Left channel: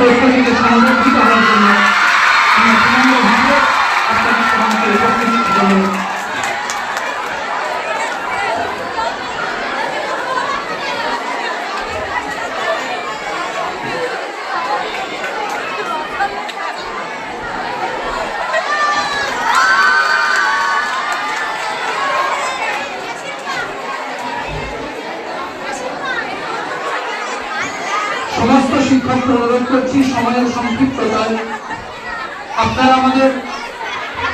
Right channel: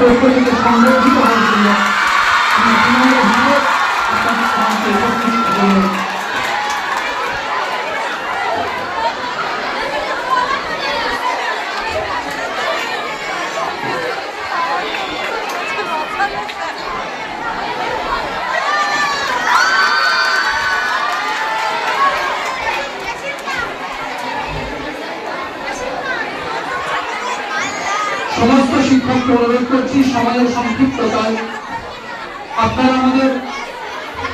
পক্ষ থেকে সংরক্ষিত হওয়ার জন্য আমি বিনম্রভাবে আপনাদের সমাজে উপস্থিত হলাম। সমস্ত শিক্ষককে অনুরোধ করছি সময়ের সংক্ষিপ্ততায় আপনারা আমাদের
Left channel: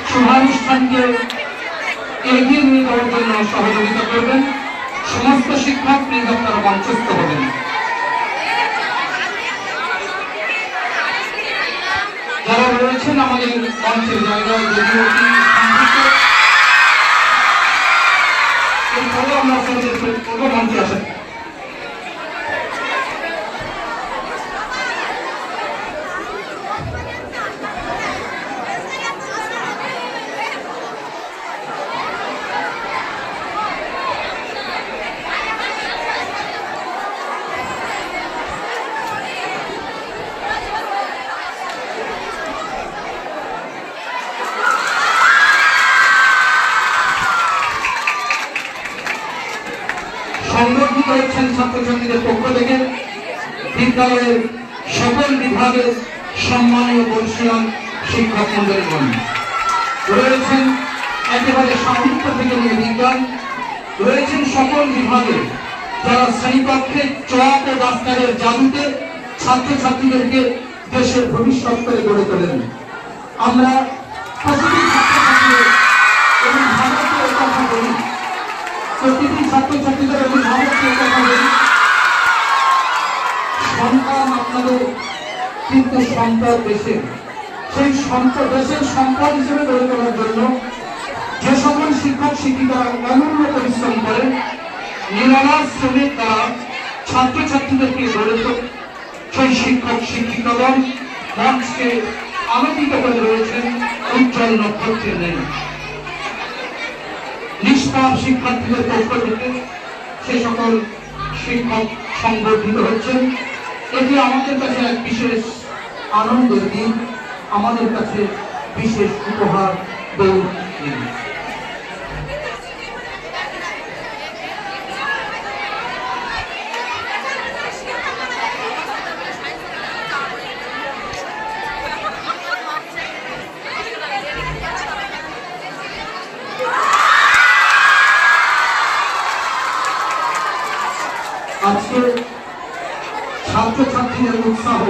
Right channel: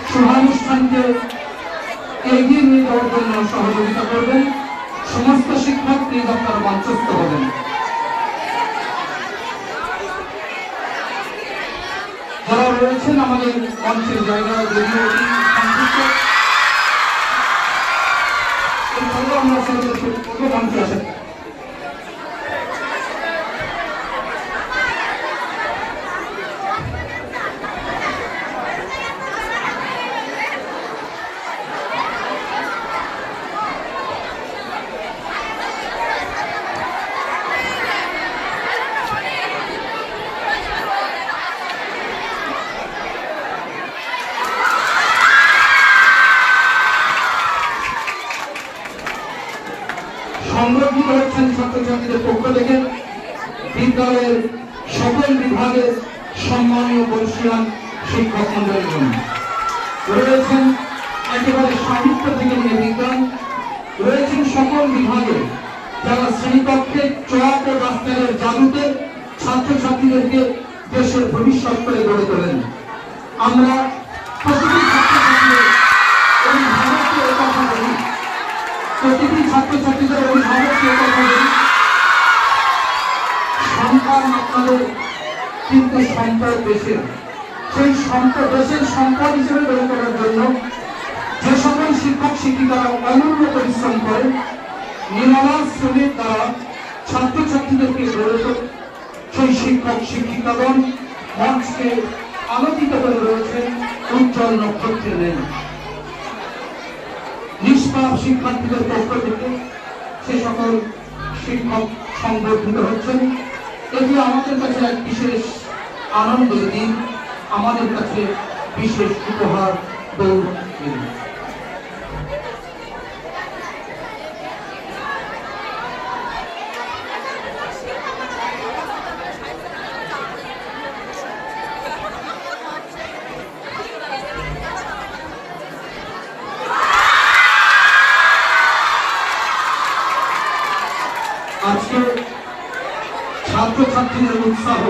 শুভানুষ্ঠানকে এগিয়ে নিয়ে যাওয়ার জন্য সহযোগিতা করবেন। সমস্ত শিক্ষক প্লিজ আপনারা মঞ্চস্থ হবেন। যারা রয়েছেন আমাদের মঞ্চের জায়গায় যদিও আমরা মঞ্চে আসেন। সংরক্ষিত হচ্ছেন ছাত্রছাত্রীদের পক্ষ থেকে বিদ্যালয়ের সকল বিভাগের সম্মানীয় বর্ষীয়ান শিক্ষক মন্ডলীগণ রয়েছেন। একেবারে সাহিত্য থেকে নিয়ে বিজ্ঞান রয়েছেন সকল বিভাগে, যারা শ্রেণীকক্ষে চক ও ডাক্তারের জাদুতে ছাত্রছাত্রীদেরকে দেশের ভবিষ্যৎ করে গড়ে তোলেন। আমরা প্রতিটি ছাত্রছাত্রীদের অভিভাবককে কথা বলি, প্রতিটি ছাত্রছাত্রীদের অভিভাবককে কথা বলি, সন্তান আপনাদের কিন্তু সম্পদ দেশের। সেই সম্পদ দেশের সম্পদ হিসেবে গড়ে তোলার জন্য যে সকল শিক্ষক শিক্ষিকারা অমূল্য পরিশ্রম করেন, নিরলস শ্রমের দ্বারা ছাত্রছাত্রীদেরকে গড়ে তোলে, সেই শিক্ষক শিক্ষিকাগণ মঞ্চকে আলোকিত করে রয়েছেন উজ্জ্বল নক্ষত্রের নেই। নিষ্পাপ শিক্ষার্থীদের পক্ষ থেকে সে সকল শিক্ষক সংবর্ধিত হচ্ছেন। এটি আমাদের কাছে এক বিশেষ আনন্দের দিন, আমাদের কাছে বিশেষ উপহার দৌড় দিন। আজকে ছাত্রছাত্রীদের উৎসাহ